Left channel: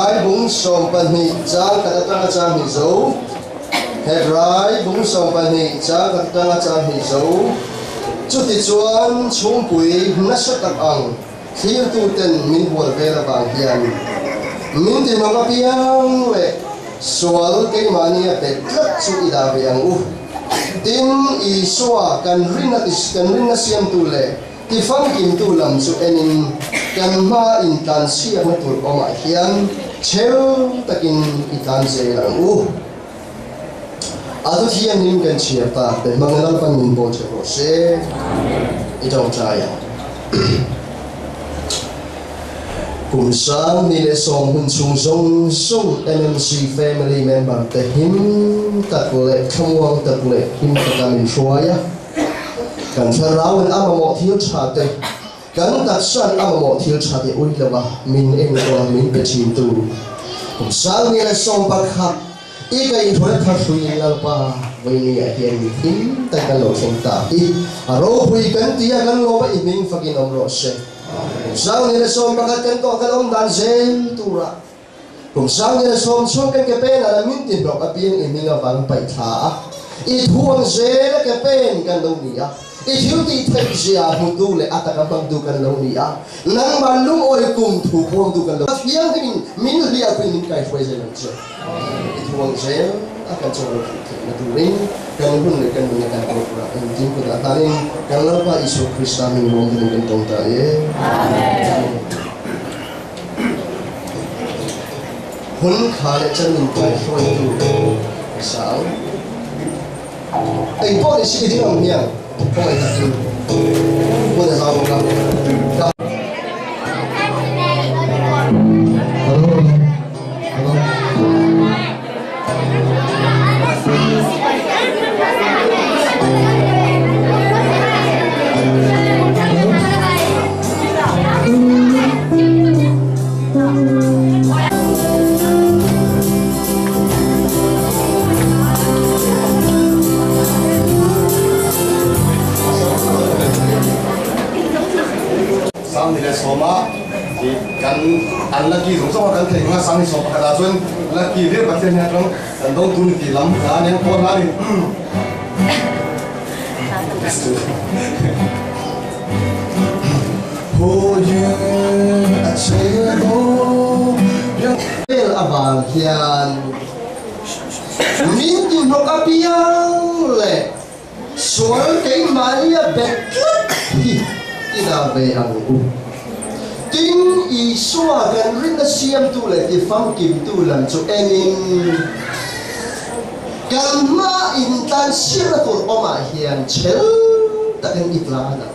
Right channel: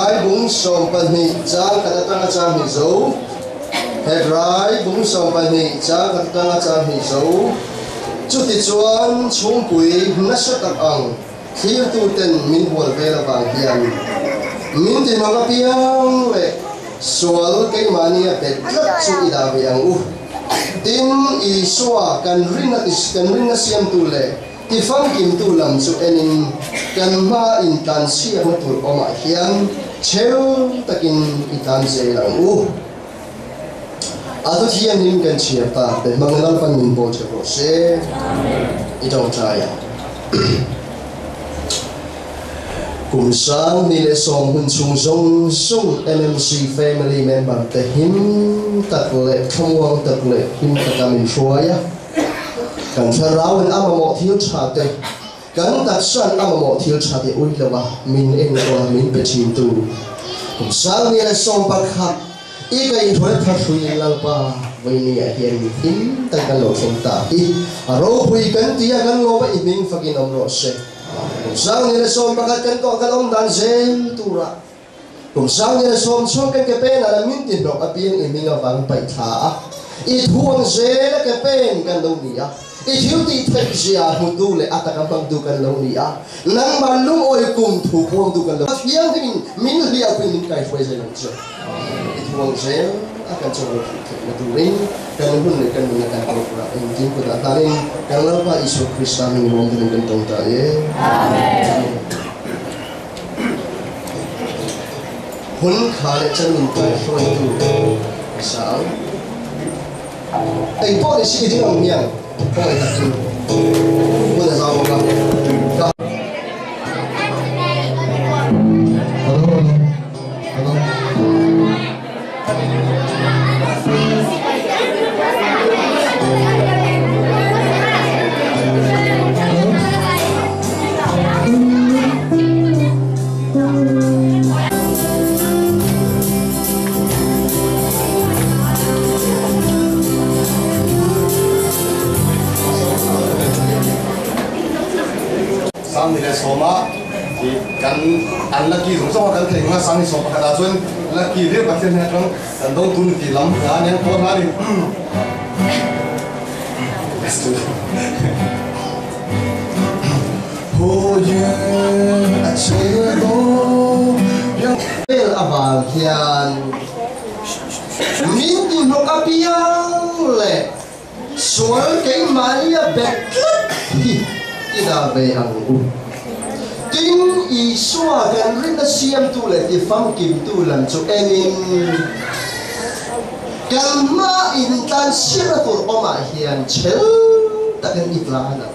rai bung som pani chang katanga chang hi zo he rai bung som pani chang katanga chang hi zo chu ti chuan chung pui na sa tak ang thil tu ten min bol vela bang hian min ti ma piang le sual ke mani a bet lat chu ida ve ang u tin I swa kan ringa siam tu le ti fang kim tu lam chu enin kan ma in tan siam na tur oma hian cheu takin itan se lang u adu hian nim kan chia ta pe mangal pan min bo che ro se I don't try cùng sáng ni lệ song hun chung song song MMC family member te him tak le thawang tak le him takami shoya kan tharau an amamo thil cha te kan tak san amamo thil cha te ui lawa min eng ko min pe chin tu cùng sáng ni lệ song pakhat I kai thoi tha sui lalpa với ni a hian him tak kan lo thong ta I aro hui kan tia kan lo ba I ming fakin om ro se sang ni som pakat kan ko kan om dan zen tura kum sang ni som kan ke pen ala min tin dok apien I minga wang pai tha I thuang ze ke pen kan lo ni a I thiu ti thek zia hu du le ataka bang du kan lo ni a nang ban lung oi kum thu pong du kan lo hiang min ria pin min kai foi ze lang che I thuang ze akan chong na tu ring kan hun le kan ni kan ko pra in tin ko ta ring kan lo pa Isu Krista min mong din kan tong ta ye amen hun kha le chan min tai foi tu sao ai po ni si ding ang miang ko ai ta tu ko na sao ka soma kan an laki zong so kan thei nga sang so ka da chun laki re ba chen ha tong kan dong tun ti lam na ne ko na ni ho ye a che go yang el aval hian min ti no ka piang le sual ke maria bet ki da ve ang u tin I swa kan rin na siam tu le ti fam kim tu lam chu enin kan ma in tan sira tur oma hian chel takan itla na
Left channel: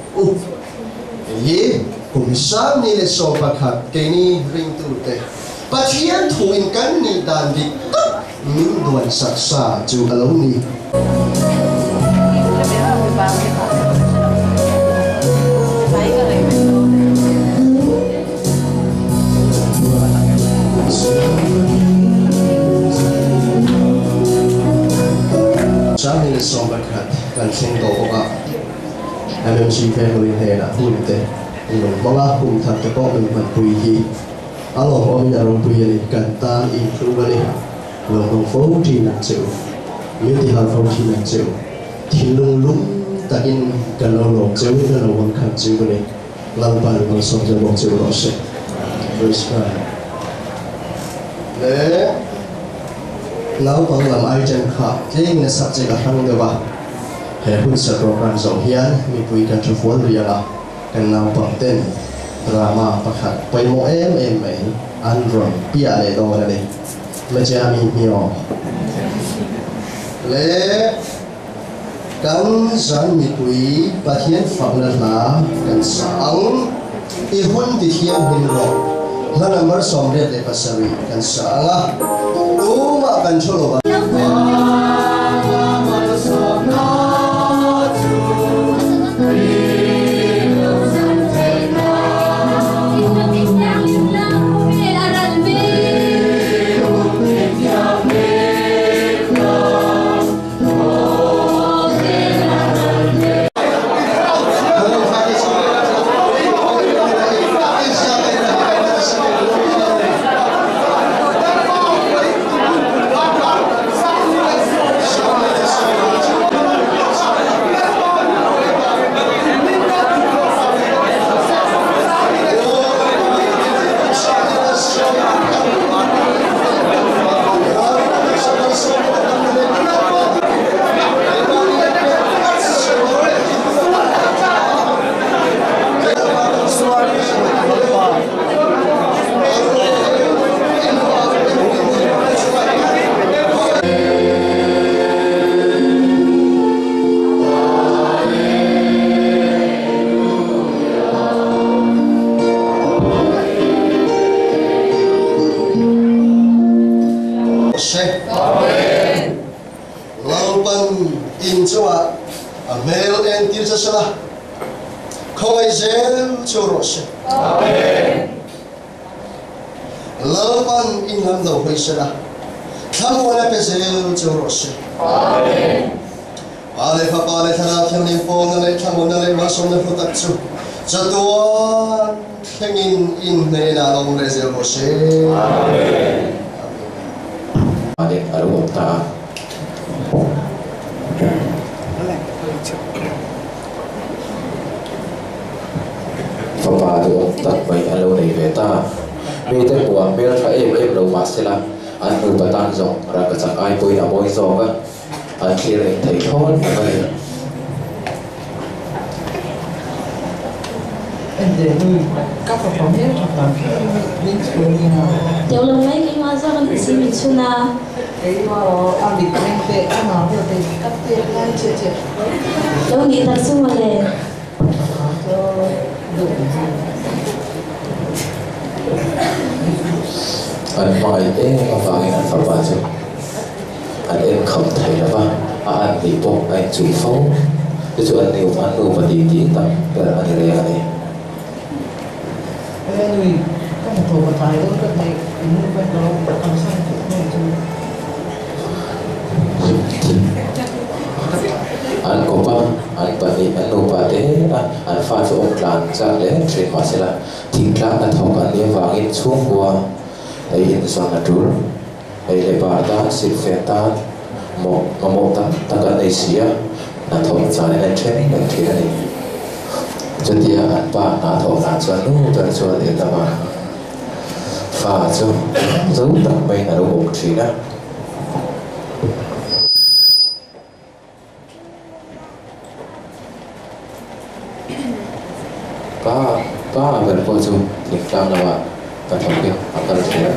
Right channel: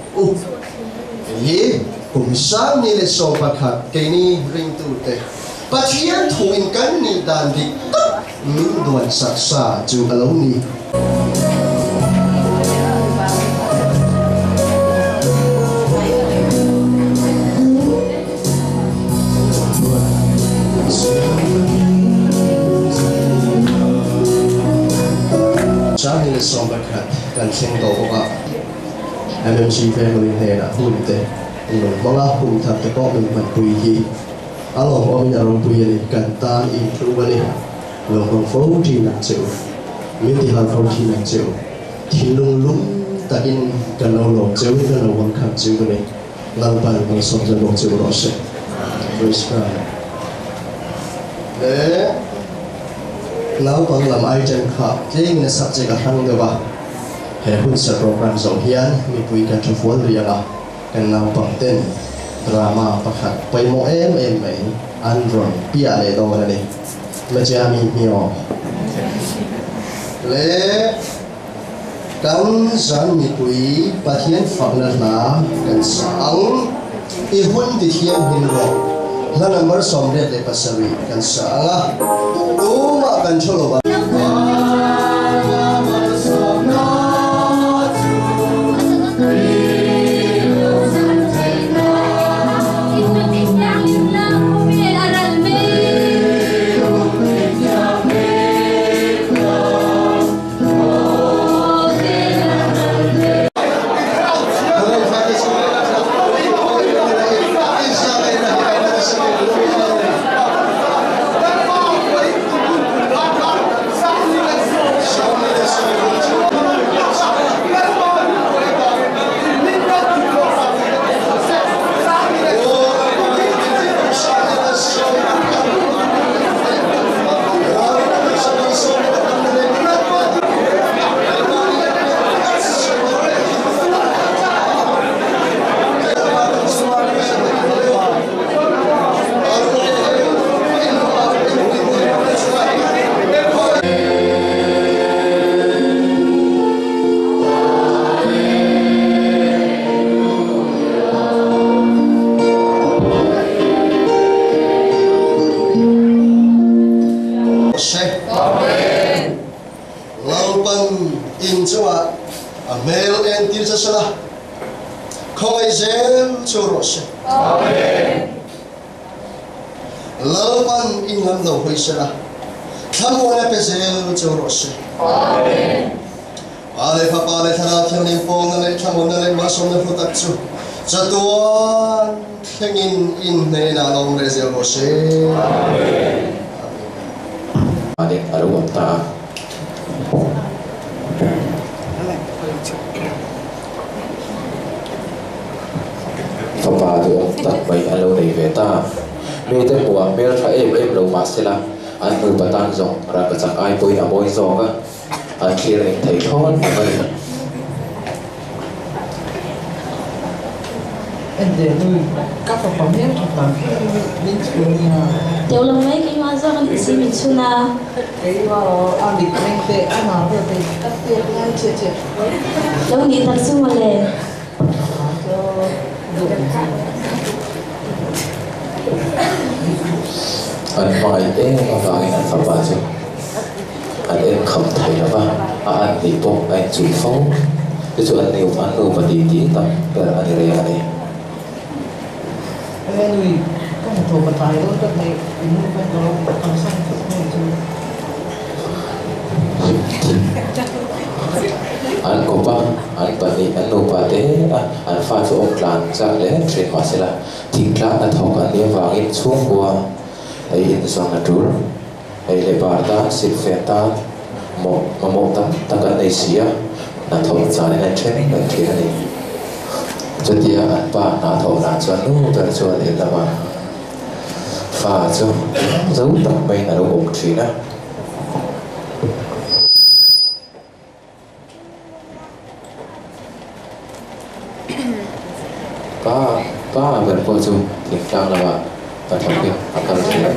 ye kum sang ni le so pakhat ke ni ring tu te pathian thu in kan ni dan dik min duan sak sa chu alo ni sáng nay xong bạch hạt gần sinh tổ của MMC family này là hôn tệ mình mong là cùng thật cho con mình vẫn quỳ hi alo ông nhà ông quỳ này cần ta in tru này lòng đồng phố thì nặng chịu miễn thì hàng phố thì nặng chịu thì lung lung ta in cần lâu lòng chịu nên là lòng khăn chịu này lòng bàn lòng sống cho lòng chịu rõ sẽ để lão bằng làm ai chân khá thế nên sắp sẽ cả thằng được ba hệ hun sẽ program rộng hiền mi bùi cả chụp phun rồi là cái lão bằng tên drama bạc hạt bay mò em ấy Android bia này đâu này mà cha mi nhiều lẽ cắn rắn mi bùi bát hiền phẳng là cắn sáng i hun thì hiền hin rồi là number som đẹp để pasari cắn sáng à tu mà cắn cho lo zel churose amen lapan inlam lo hoisera thamona pe zel churose amen ale papa le thara thangin pong le thamona le masom le putatsu chatuan thengin in ne na long le zel rose amen adik arwata papa tu tak baik alo nei veta me te bua mel tha em lo masela an nu patan zong ra ka chak ai poi amoi zong ka an khir ei thei thon mai Ende nuôi các sản phẩm hết hoặc là những cái tiểu long mấy cái hoa ra cái gì mình xuân à cái ăn bị anh về ăn nào rồi thì các tiệm ăn chưa đâu nghĩ thật xuân mà lên cho đủ anh mai em và anh phải vào chứ anh em không thấy nó ba anh đi bộ anh chủ phóng cái chỗ anh nhiều và đi tập cái là anh đây này cái nuôi các một thùng một tài đó các này cũng quen đó ăn sang chỗ này chứ anh có ba anh bận đi anh nộp bạc thế anh pha cho ông làm ra để chuyển hóa sẽ là thỉnh class anh học anh đi vào in xuống qua ấy in sang là trú ấy để bà ta xin phép ta một ta cái này xía là học ra nên anh training anh thế này cho dia anh ba là thọ là cho nó tới cho để là bà pha cho dấu tập bay là đâu một trí đó ba berpojok di klang lawa tetapi akan tidak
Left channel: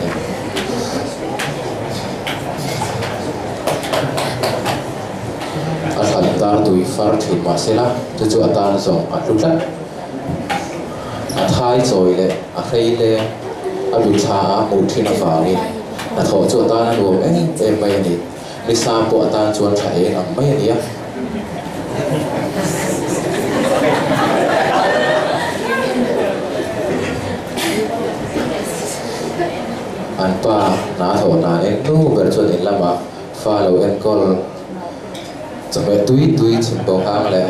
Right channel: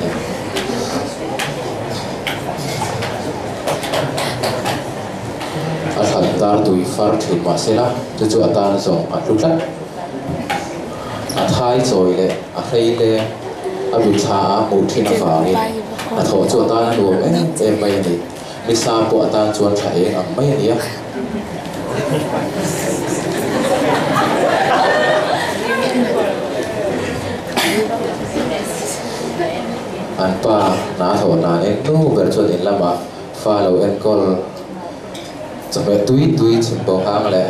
alhamdulillah tui far thi masela tu atan zong atlutat athai choi le ahrei le alu tha mu thina fangi atho chu atan lu em mai ni lisa po atan chuan thai ang mai ni anh pa na thọ na em nu ber chuan in lama fa lo en kol chame tui chim bo hang le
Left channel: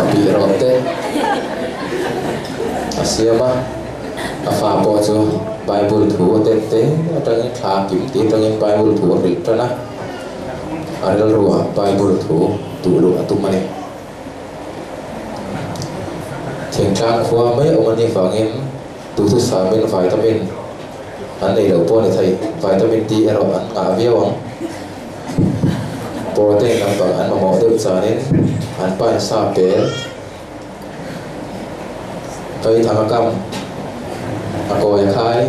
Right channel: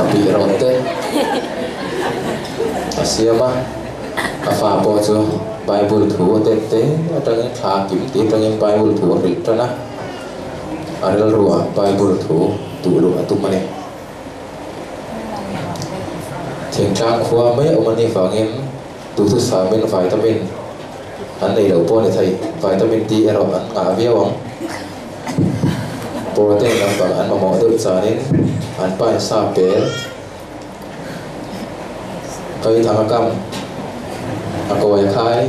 a pi ron te asiama a fa po chu bible thu te atang tha kim ti tang bible thu ri tana aral ruwa bible thu tu lu atum mani thing tang khwa mai omani fangin tu thu sa men vitamin anh này đầu po này thầy vitamin D rồi anh ngã viêu không protein làm bằng anh mà mỏ được cho nên anh phải sa bé cây thằng cam coi khai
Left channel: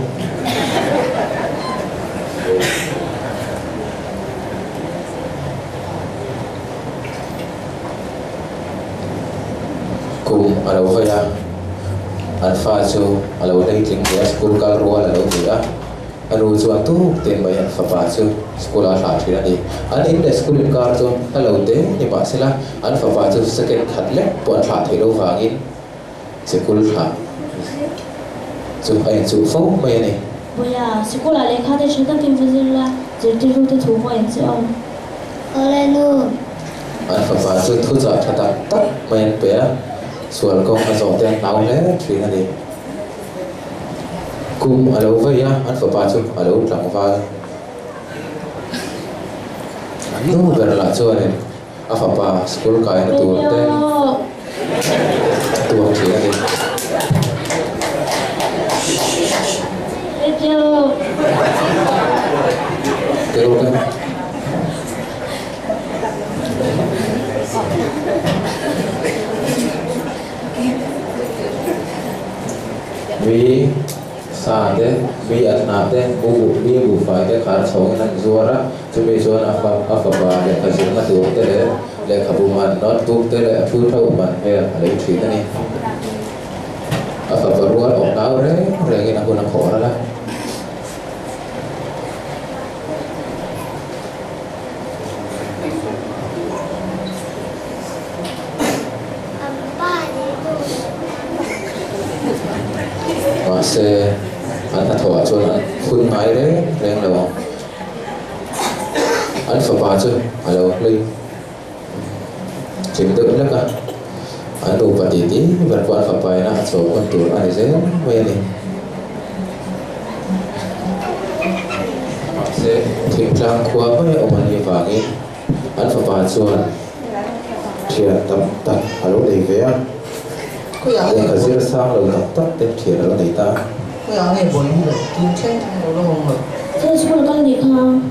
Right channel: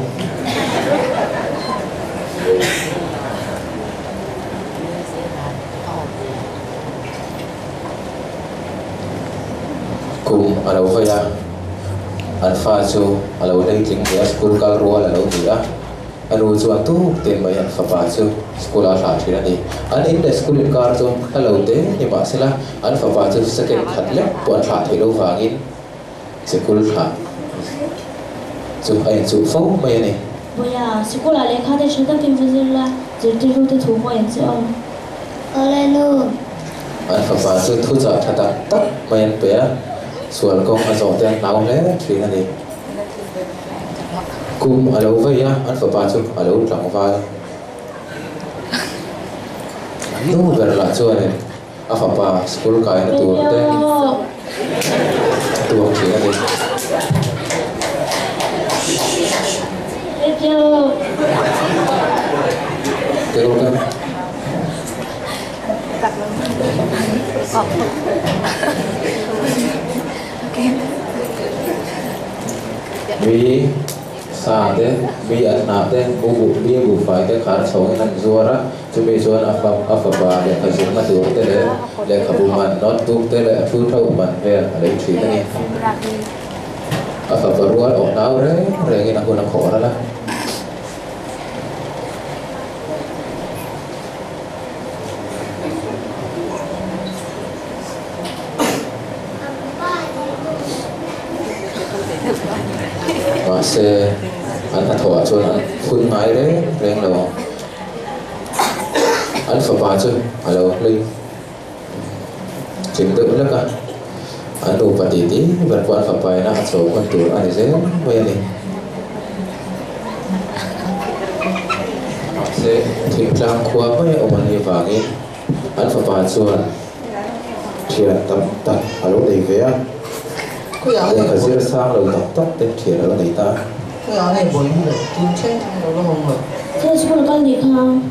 cùng ở đâu vậy à anh pha cho ở đâu đây tiếng Việt school cal roa ở đâu vậy à anh uống cho anh tu tiền mấy anh pha cho school ở lại thì đi anh in để school in car cho ở đâu thế nhưng mà sẽ là anh pha cho second hạt lép bọn lại thì đâu vàng in school hạt cho anh chịu phóng mấy này bây giờ school ở đây khai để chúng ta tìm về là chỉ đi luôn để thu mua anh chứ ông ở đây luôn anh pha cho thu giả thật tắt mấy anh béส่วนกองผสมแตงเตาแล้วทีนั่นเองคุมอะไรไว้อะอันฝาปาชุบอะไรหลังฟ้านู่นเป็นละช่วยเนี่ยอันฝาปาสกุลกายตัวเต้ตัวทีนั่นเองเดี๋ยวกันมีสาเดมีอันนาเดบุมีบุไฟเดขาดสองนันจัวระจะมีส่วนอัฟบาเดขจิมาตัวเตเลเลขบุมันน็อตตุกเตเลฟูเท่ามันเวรอะไรทีนี่อัฟบารัวออกดาวเร่งินักบุญนักขอแล้วล่ะ mà xe anh thọ cho anh phun máy đấy lên là anh phải ba chứ alo linh chỉnh tự lắm cả anh đủ bát tí vật quan phải bài na số con tuổi anh dễ vậy này sẽ thỉnh trang khoa với ông anh vàng ấy anh phải ba cho anh thiệt tập tập alo đầy vé đây là diễn sang rồi tập tập đến thiệt là đầy ta cái áo này bồi được tin chết nó không rồi thế chú con đi không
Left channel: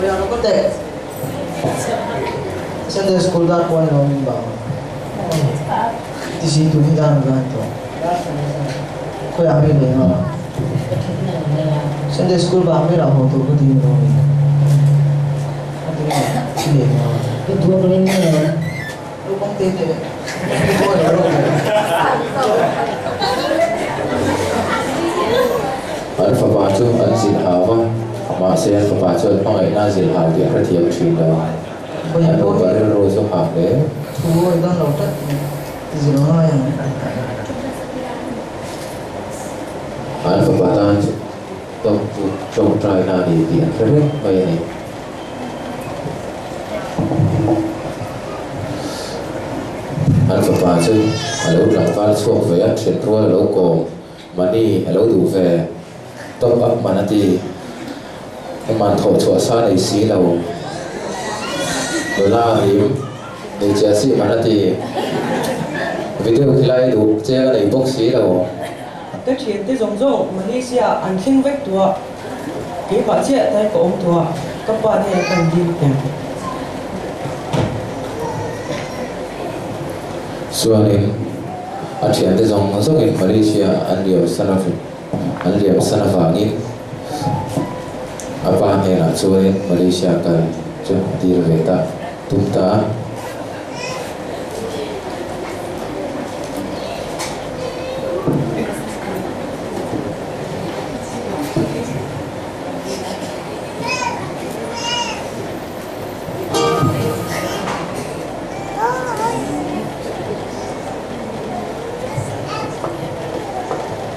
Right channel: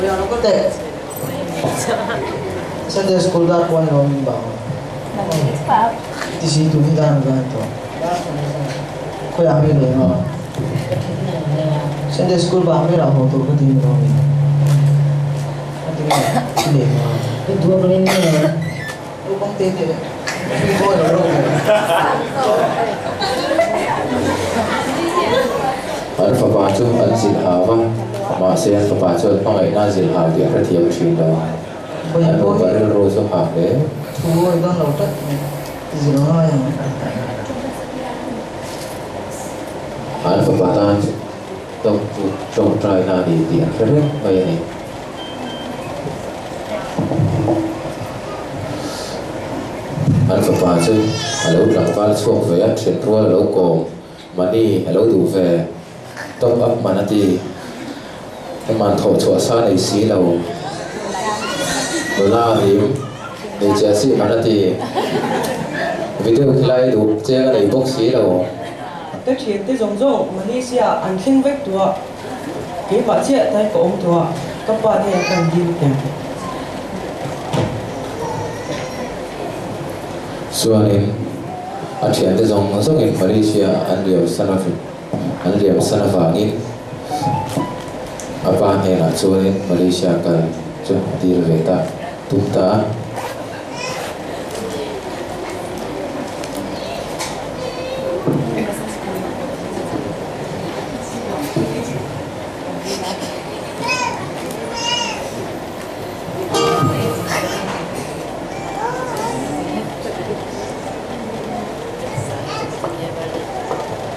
bây giờ nó có tệ Sunday school đã quan lòng mình bảo thì gì tụi mình đang làm thôi có áo này đấy mà Sunday school bảo mấy lão hồ tụi cái gì rồi cái gì mà cái thuốc lên này đâu không tên đấy thôi rồi đâu anh phải ba cho anh xin hào vâng mà sẽ anh phải ba cho anh ngày nay xin hào thì rất nhiều chuyện đó anh không phải rồi số hào đấy thôi đang lâu tất gì đó hay anh phải ba ta trong trai na thì tiền rất hết vậy này anh phải ba chứ anh lâu lặng vào xuống về anh chuyển qua lâu cổ mà đi lâu đủ về top up mà thì em man thổi chua sa này xí lâu la hiểm để chia sẻ mà thì video lại đủ chơi cái này box xí lâu cái chuyện tới giống giống Malaysia anh khen vách tua cái bà chị thấy có ông tua các bạn này cần đi tìm xua nên anh chuyện tới giống giống in Malaysia anh liều sana vangin apa này là xua nên Malaysia cần cho đi về ta chúng ta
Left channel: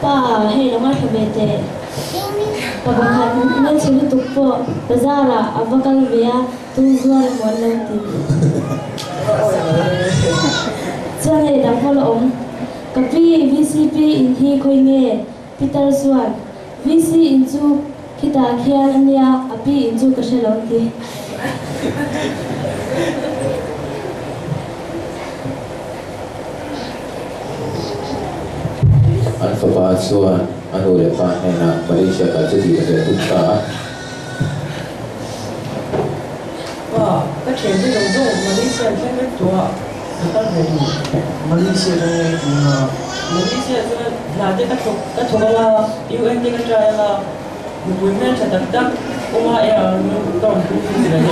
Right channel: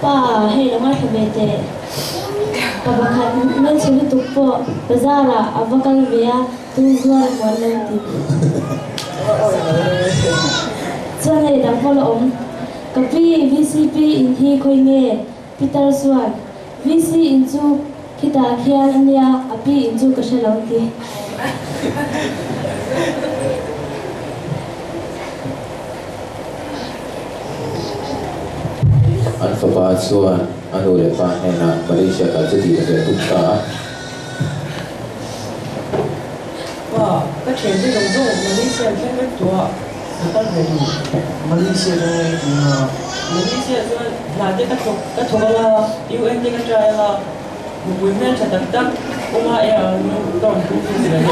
pa hay lo ngai khamete pa bakhan ngai chulu tukpo bazara abakal bia tu zuar mon lo ti chane dang hol om kapi vcp in hi khoi nge peter swan vc in chu kita khial ania api in chu ka shalong ti anh phải ba xua anh hồi lại ba này là Malaysia cả chứ gì về chúng ta và cái chuyện tới giống giống Malaysia khen vách tua người ta về đủ Malaysia đây thì Malaysia cho là cái thằng là UN cái trai là women sẽ đặt đắc ông ai ở đồng cũng như thế này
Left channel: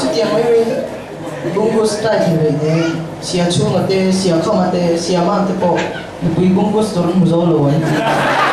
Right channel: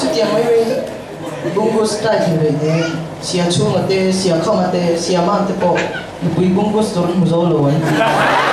chút tiền mấy bungo style thì vậy sia chung mà tê sia không mà tê sia mang tê po bui bungo store mu zo lo anh